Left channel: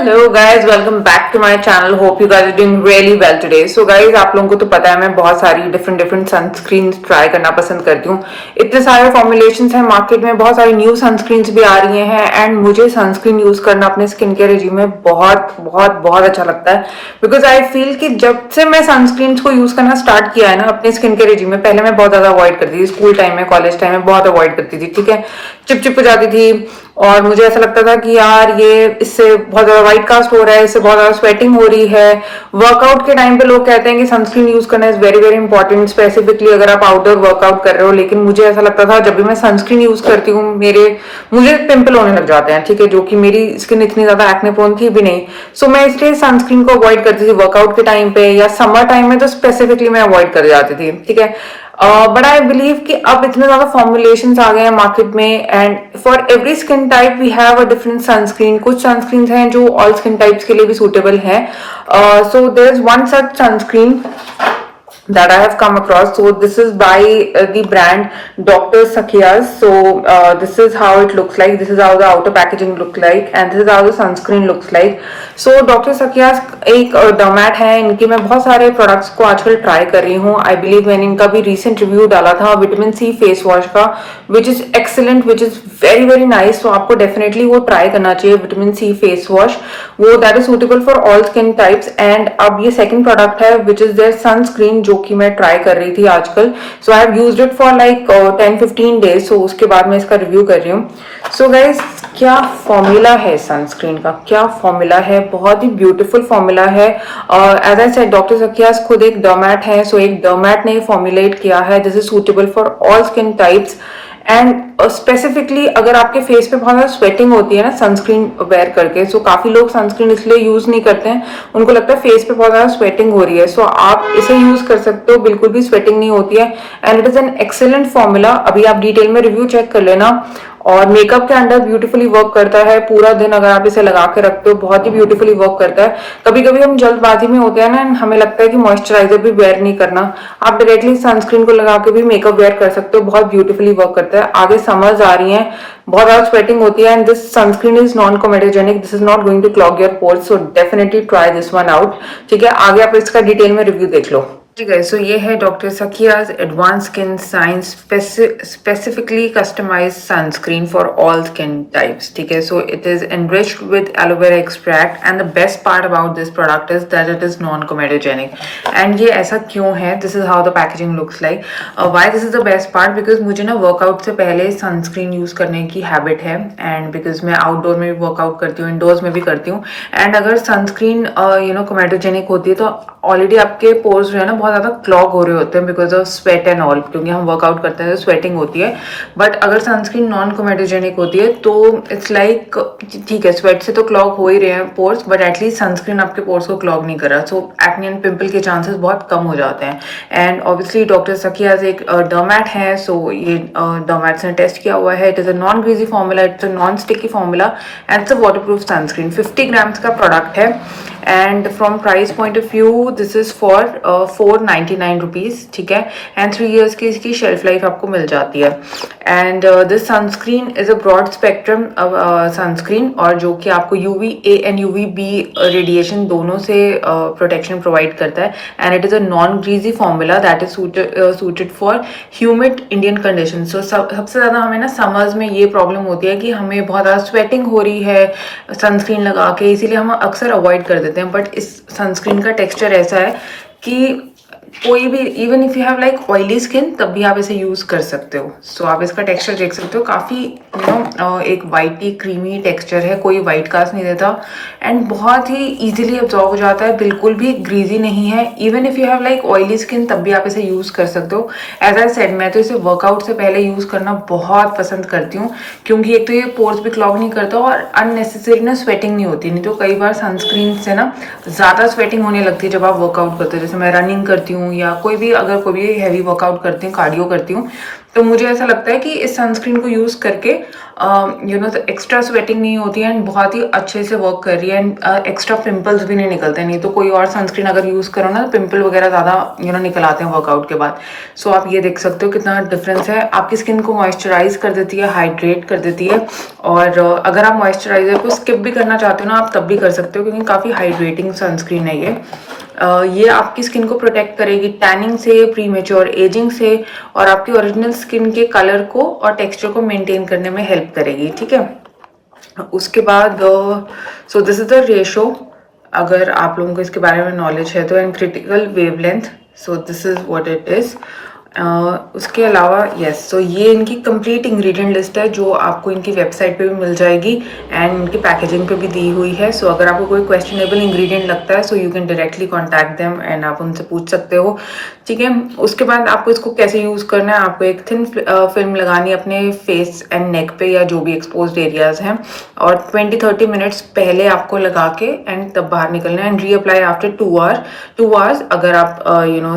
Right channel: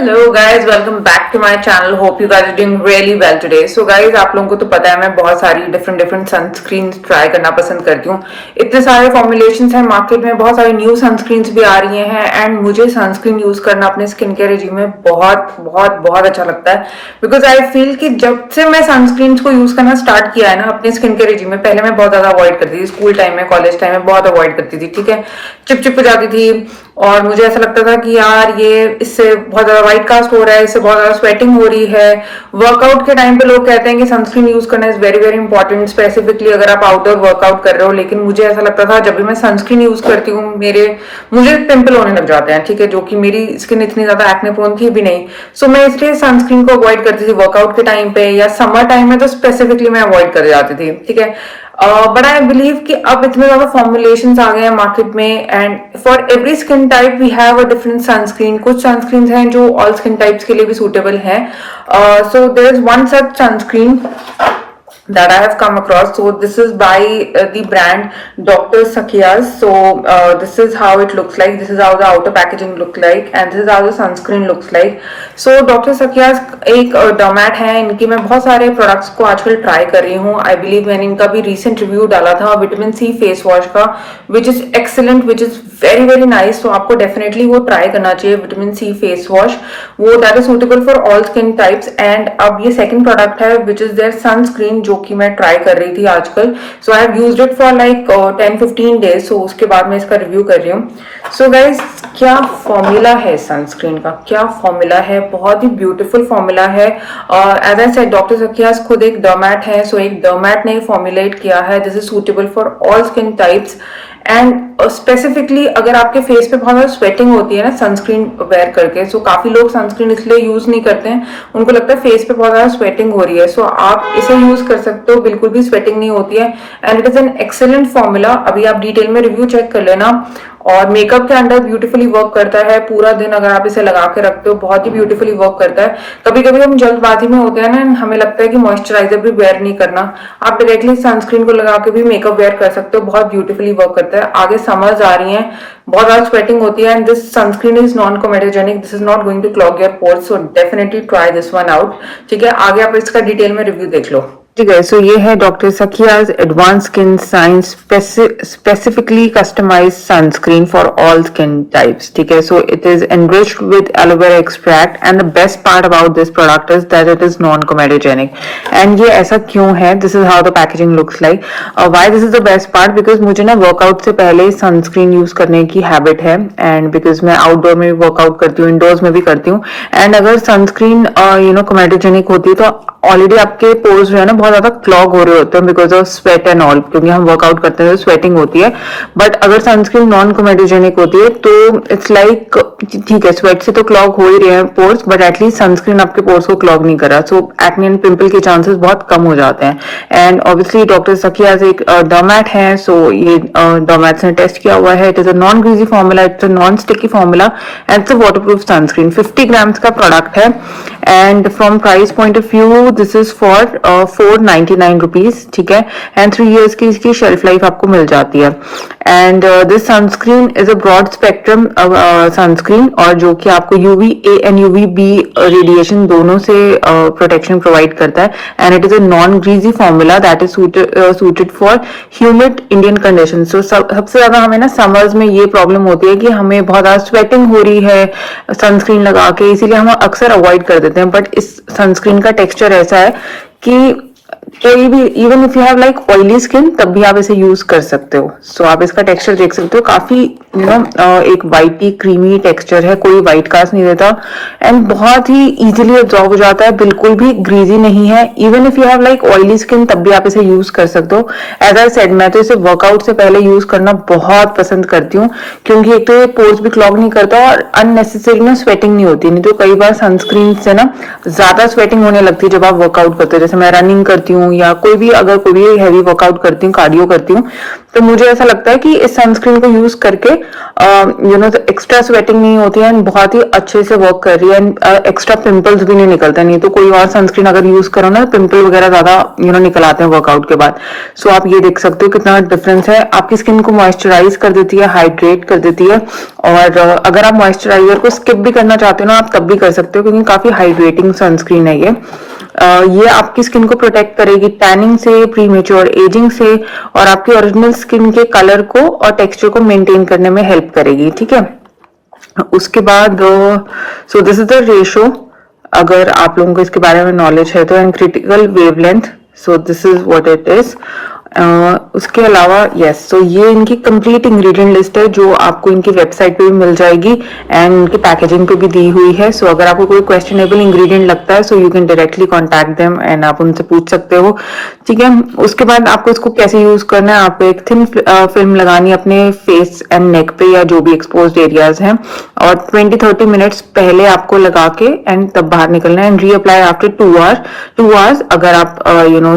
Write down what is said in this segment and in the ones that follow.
Hello guys, welcome back to my channel. Hope you guys are doing really well today. So guys, आप लोगों को तो पता है मैं बहुत सारी डिफरेंट सनस्क्रीन ट्राई करना पसंद करती हूँ। इतने सारे फॉर्मुलेशंस हैं मार्केट में, बहुत सारी न्यू सनस्क्रीन्स भी आ रही हैं एंड मुझे सनस्क्रीन यूज करना अपने स्किन केयर रेजिम में बहुत बहुत बहुत अच्छा लगता है। बिकॉज आई फील कि जब से मैं सनस्क्रीन को यूज करना स्टार्ट किया है ना अपने स्किन केयर रेजिम में, पहले मैं बहुत ज्यादा अवॉइड करती थी, स्कूल टाइम में कॉलेज टाइम में बहुत अवॉइड करती थी, ठीक है। चिप हो जाती थी और मुझे ऐसा लगता था कि यार ये इससे बहुत ज्यादा व्हाइट कास्ट हो रहा है, इससे बहुत ज्यादा स्वेटिंग हो रही है। वर्कआउट के टाइम पे लोग कहते हैं कि सनस्क्रीन यूज करना is very very important, specifically अगर आप आउटडोर वर्कआउट कर रहे हो। लेकिन मुझे ऐसा लगता था जब भी मैं सनस्क्रीन यूज करती हूँ मुझे पिंपल होने लग जाते हैं, ठीक है, जो कि मेरी स्किन इतनी ज्यादा एक्ने प्रोन थी भी नहीं। सो मैं इसलिए सनस्क्रीन को अवॉइड करती थी वर्कआउट के टाइम पे, या समर टाइम में तो स्पेसिफिकली मैं अवॉइड कर जाती थी, ठीक है। बट आई बिलीव कि अब इतने ज्यादा फॉर्मुलेशंस आ गए हैं मार्केट में and for every skin type we have a different sunscreen. कुछ सनस्क्रीन हैं जो ऑल स्किन टाइप्स के लिए भी सूटेबल है। So there is one such sunscreen that I have come across. So this is by the brand Dr. Sakia's. So this is how it looks like. This is how the outer packaging look like, and this is how the sunscreen looks like. So Dr. Sakia's एक डर्मैट है, इनके मैं बहुत सारे products को आजकल try कर रही हूँ। आई बिलीव मैंने इनका भी रिसेंट रिव्यू डाला था विटामिन सी फेस वॉश का, which is excellent, which is very very nice. तो आपको डेफिनेटली वो ट्राई करना चाहिए, विटामिन सी फेस वॉश, वो that is suitable for all skin types. And अब ये सेकंड प्रोडक्ट है विच इज देयर सनस्क्रीन, जो कि मैं ट्राई कर रही थी आजकल। So I have used it for like 10-15 days. So उसके बाद मैं इसका रिव्यू कर रही हूँ। सो गाइज, क्या फॉर्मूला है सनस्क्रीन का, क्या फॉर्मूला है, बहुत ही ब्यूटीफुल फॉर्मूला है। एज आई सेड, डॉक्टर सकियास खुद एक डर्मैट है। सो एक डर्मैट ने फॉर्मुलेट किया है, this is suitable for all skin types. And specifically अगर आपके फेस पे बहुत ज्यादा स्वेटिंग होती है ना सनस्क्रीन वेयर करके, सो काफी लोग सनस्क्रीन इसलिए यूज नहीं करते हैं, उनको लगता है फेस पे बहुत ज्यादा स्वेटिंग हो रही है। सो आप इसे यूज कर सकते हो, बिल्कुल भी स्वेटिंग नहीं होती है and it is an excellent formula. अभी आप डिटेल में रिव्यू चेक कर लेना। और मेकअप के अंडर ब्यूटीफुली वर्क करता है, पूरा दिन अगर आप इसे लगा के रखते हो बहुत ही ब्यूटीफुली वर्क करता है। कभी कभी हम जल्दबाजी में होते हैं ना, हमें लगता है कि मॉइस्चराइजर भी वेयर नहीं करना, आप डायरेक्टली सनस्क्रीन को लगा के भी मेकअप वेयर कर सकते हो, बहुत ब्यूटीफुली वर्क करता है। आगे समर्स आ रही हैं, बहुत ज्यादा स्वेटिंग होती है and this sunscreen is non comedogenic, this is not going to clog your pores, so definitely try this one out, ठीक है। आगे आप इसका डिटेल में रिव्यू देख लो, ठीक है। सो ये है डॉक्टर सकियाज advance skin science specifically customised sunscreen for all skin types, ठीक है। So it is enriched with aloe vera extract and the best part about this product is that it is non comedogenic. And ये ऐसा क्यों है, this is how the packaging looks like. Why this is the best part, because मुझे ना workout से पहले sunscreen use करने की हैबिट है एंड बिकॉज मैं आउटडोर में भी वर्कआउट करती हूँ, इंडोर्स में भी करती हूँ। एंड अगर सनस्क्रीन कोमेटोजेनिक होती है तो ऑलरेडी आपके पोर्स जो है ना बहुत ज्यादा क्लॉग हो रहे होते हैं because of sweat and all, क्योंकि हम वर्कआउट करते हैं स्वेटिंग होती है। बट अगर सनस्क्रीन नॉन कोमेटोजेनिक होती है तो इट्स लाइक ठीक है, स्वेट से तो क्लॉग हो ही रहे हैं पोर्स, बट एटलीस्ट सनस्क्रीन आपके पोर्स को क्लॉग नहीं कर रहा, सो एक्ने एंड पिंपल के चांसेस बहुत कम हो जाते हैं। एंड ऑब्वियसली डॉक्टर सकियाज एक डर्मैट है, सो ये डर्मैट्स ने टेस्ट किया हुआ है। It is a non greasy formula, it's a non sticky formula and it's a waterproof sunscreen. 50 grams का प्रोडक्ट है and from price point of view this is for 499 rupees, ठीक है। एंड 3 years की इसकी shelf life आपको मिल जाती है। And this sunscreen is a broad spectrum sunscreen, और जो कि आपको UVA एंड UVB रेडिएशन दोनों से प्रोटेक्शन प्रोवाइड करता है। And it is a non greasy formula that is suited for humid Indian condition. So सबसे ज्यादा हमें ना समर्स में ये प्रॉब्लम होती है कि हमें बहुत ज्यादा स्वेटिंग हो रही है सनस्क्रीन लगा के, इसीलिए हम अक्सर अवॉइड कर देते हैं। बट इस सनस्क्रीन का टेक्सचर ऐसा है कि कोई भी, even if you have like oily skin, तब भी आप इसे यूज कर सकते हो। सो आप इसका टेक्सचर देख सकते हो, काफी एक वाइटी क्रीमी टेक्सचर है, कोई व्हाइट कास्ट नहीं देता एंड बहुत ही इजीली एब्जॉर्ब हो जाता है, बिल्कुल भी ग्रीजी नहीं है। Even if you have like oily skin, तब भी आप इसे यूज कर सकते हो। एज आई सेड, मैं तो इसे वर्कआउट से पहले यूज करना बहुत पसंद करती हूँ, क्योंकि एक तो ये पोर्स भी क्लॉग नहीं करता और अननेसेसरी में स्वेटिंग नहीं होती। नहीं तो कई बार सनस्क्रीन से ना ज्यादा स्वेटिंग होने लगती है जब आप वर्कआउट करते हो। जैसे मैं रनिंग करती करती हूँ या कोई भी अगर कोई भी हैवी वर्कआउट करती हूँ, कार्डियो करती हूँ, तो मुझे ऐसा लगता है कि इस सनस्क्रीन को यूज करके एक्स्ट्रा स्वेटिंग नहीं होती है एंड बहुत ही अच्छे से वर्क कर रही है एंड एक्स्ट्रा पिंपल्स भी नहीं निकलते। नहीं तो कोई और सनस्क्रीन अगर यूज करो ना, पिंपल वगैरह ज्यादा निकल आते हैं वर्कआउट के बाद। सो आप ये देख सकते हो कितना डिफरेंस है। आपकी स्किन को मॉइस्चराइज कर देती है, हाइड्रेट कर देती है, और अगर आप मॉइस्चराइजर को स्किप भी करना चाहते हो ना, आप तब भी कर सकते हो क्योंकि काफी हाइड्रेटिंग सनस्क्रीन है ये। ये आपकी स्किन को प्रोटेक्ट करेगी टैनिंग से, प्रीमेच्योर एजिंग से, और आपकी ओरिजिनल स्किन के कलर को और टेक्सचर को मेंटेन करने में हेल्प करेगी। ठीक है, उसके बाद so this is the ratio, अगर आप लोगों को इसके बारे में नॉलेज है तो, and critical wavelength, so this is what it is. उसके अलावा यस, तो ये इनकी कंप्लीट इंग्रेडिएंट लिस्ट है जो आपको इनकी वेबसाइट पे भी मिल जाएगी एंड इनकी पैकेजिंग पे भी दी हुई है। सो अगर आपको कोई क्वेश्चनेबल इंग्रेडिएंट लगता है, so you can directly contact them and आप उनसे पूछ सकते हो। ठीक है, उसके बाद आपको इसको कैसे यूज करना है, आपको एक थिन फिल्म लगानी है अपने फेस एंड नेक पे या जो भी एक्सपोज्ड एरियाज हैं, और 20-30 मिनट्स पहले आपको लगा के एंड तब बाहर निकलना है एंड रीअप्लाई आफ्टर 2 आवर्स अगर आप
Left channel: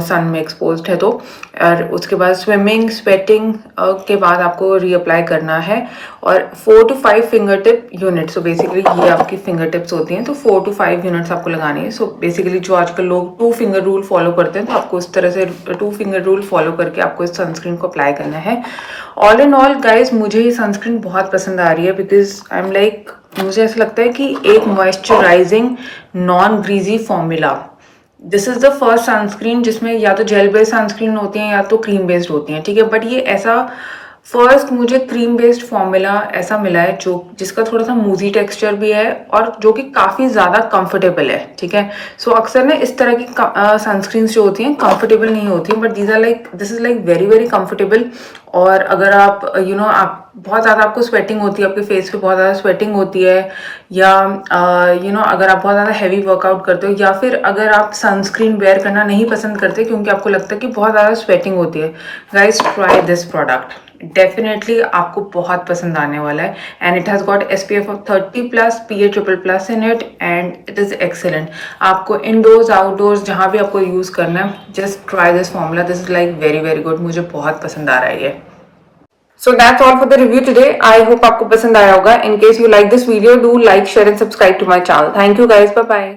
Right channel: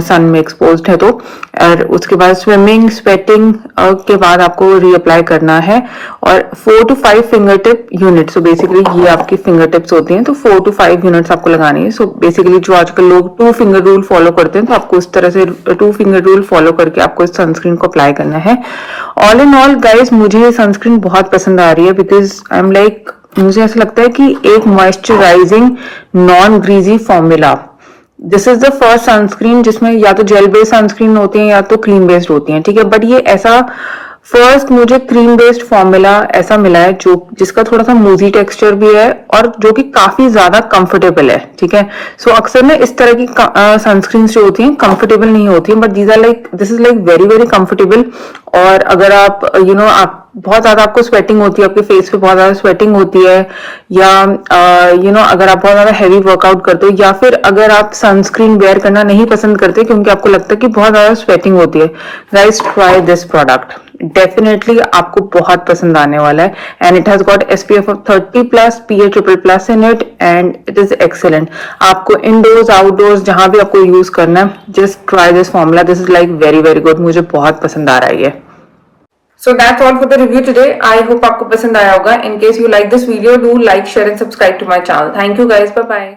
सन में एक्सपोज्ड है तो। और उसके बाद स्विमिंग, स्वेटिंग के बाद आपको रीअप्लाई करना है, और 4 to 5 finger tip unit. So basically ये आपकी फिंगर टिप्स होती हैं, तो 4 to 5 यूनिट्स आपको लगानी है। सो बेसिकली जो आजकल लोग 2 फिंगर रूल फॉलो करते हैं, तो आपको इस तरह से 2 फिंगर रूल फॉलो करके आपको इस सनस्क्रीन को अप्लाई करना है। ऑल इन ऑल गाइज, मुझे ये सनस्क्रीन बहुत पसंद आ रही है बिकॉज आई एम लाइक, मुझे ऐसा लगता है कि एक moisturising non greasy formula, this is the first sunscreen जिसमें या तो जेल बेस्ड सनस्क्रीन होती है या तो क्रीम बेस्ड होती है। ठीक है, बट ये ऐसा फर्स्ट मुझे क्रीम बेस्ड फॉर्मूला ऐसा मिला है जो जिसका थोड़ा सा मूजी टेक्सचर भी है और जो कि काफी ज्यादा कंफर्टेबल है। ठीक है, सो अक्सर ना इस तरह की सनस्क्रीन जो होती हैं कंफर्टेबल नहीं होती हैं, but these are like, this is like very very comfortable. और अगर आप आप बहुत ज्यादा आपको स्वेटिंग होती है, आपके फेस पे बहुत ज्यादा स्वेटिंग होती है, या अगर आप बहुत ज्यादा हैवी वर्कआउट करते हो, या फिर अगर आप सनस्क्रीन वेयर करना नहीं पसंद करते क्योंकि आपको लगता है कि बहुत ज्यादा स्वेटिंग होती है, guys try this product, definitely आपको बहुत पसंद आने वाला है। And it has got SPF of 30+, PA++ in it, and it is excellent. आपको इंडोर्स आउटडोर्स जहां भी आपको यूज करना है, just try this formula, this is like very very good, मुझे बहुत पसंद आ रहा है ये। So that's all for the review today. I hope आपको पसंद आया होगा. In case you like this video, do like, share and subscribe to my channel. Thank you guys. Bye bye.